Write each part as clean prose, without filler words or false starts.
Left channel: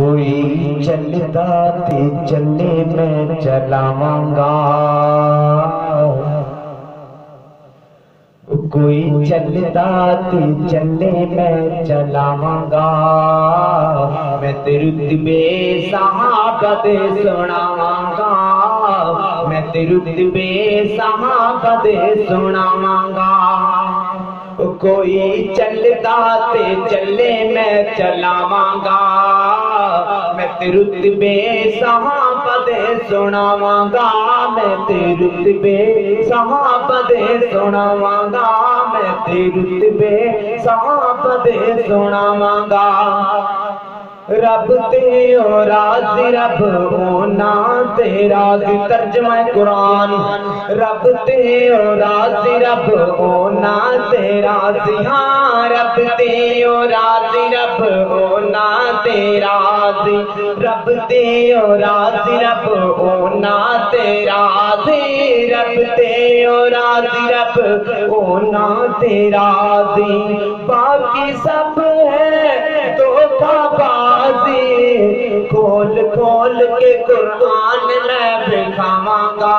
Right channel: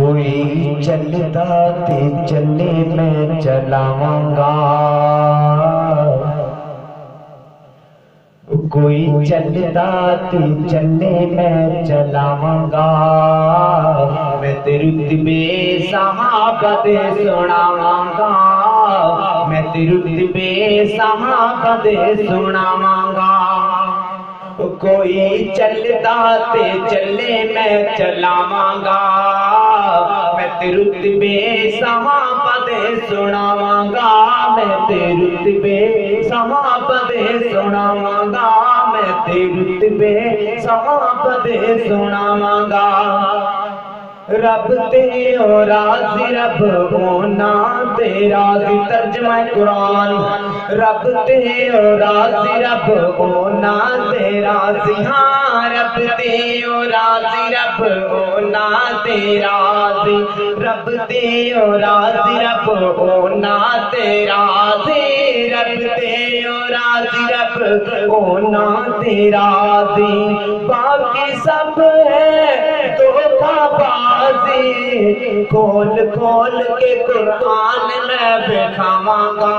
کوئی چلدا تے چلے میں چلاواں گا، کوئی چلدا تے چلے میں چلاواں گا، میں تے رتبے صحابہ دے سناواں گا، میں تے رتبے صحابہ دے سناواں گا۔ کوئی چلدا تے چلے میں چلاواں گا، میں تے رتبے صحابہ دے سناواں گا، میں تے رتبے صحابہ دے سناواں گا، میں تے رتبے صحابہ دے سناواں گا۔ رب تے او راضی رب ہونا تے راضی ترجمہ قرآن، رب تے او راضی رب ہونا تے راضی، ہاں رب تے او راضی رب ہونا تے راضی، رب تے او راضی رب ہونا تے راضی، رب تے او راضی رب ہونا تے راضی، باقی سب ہے دھوکہ بازی، کھول کھول کے قرآن میں بکھاواں گا،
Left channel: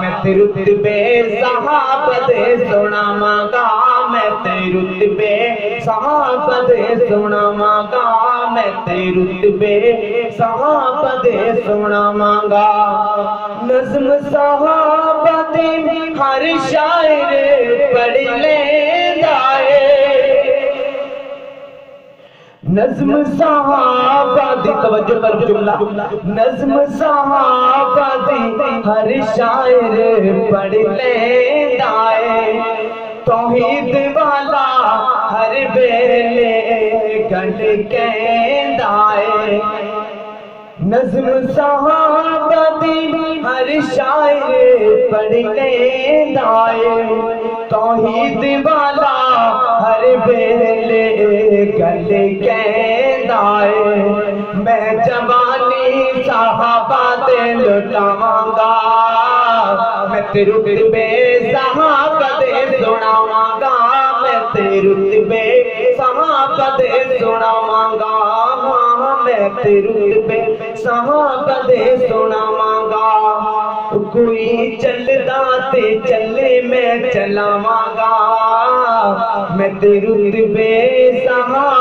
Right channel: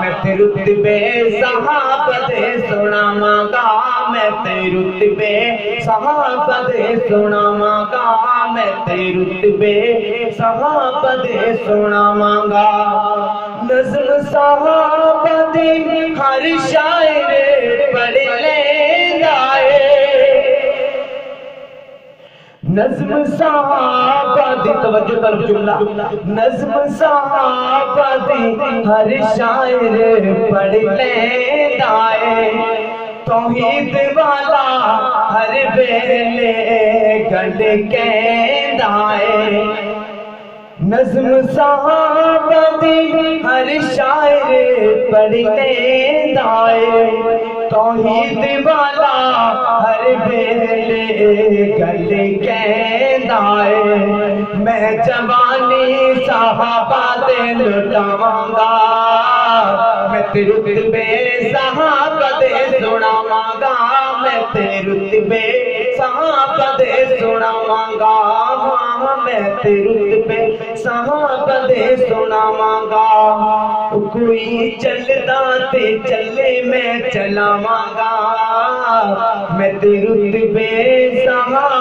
میں تے رتبے صحابہ دے سناواں گا، میں تے رتبے صحابہ دے سناواں گا، میں تے رتبے صحابہ دے سناواں گا۔ نظم صحابہ دی ہر شاعر پڑھ لیندا اے، نظم صحابہ دی توجہ کر جملہ، نظم صحابہ دی ہر شاعر پڑھ لیندا اے، توحید والا ہر ویلے گل کہندا اے، نظم صحابہ دی ہر شاعر پڑھ لیندا اے، توحید والا ہر ویلے گل کہندا اے، میں جوانی صحابہ دے لٹاواں گا، میں تے رتبے صحابہ دے سناواں گا، میں تے رتبے صحابہ دے سناواں گا، میں تے رتبے صحابہ دے سناواں گا۔ کوئی چلدا تے چلے میں چلاواں گا، میں تے رتبے صحابہ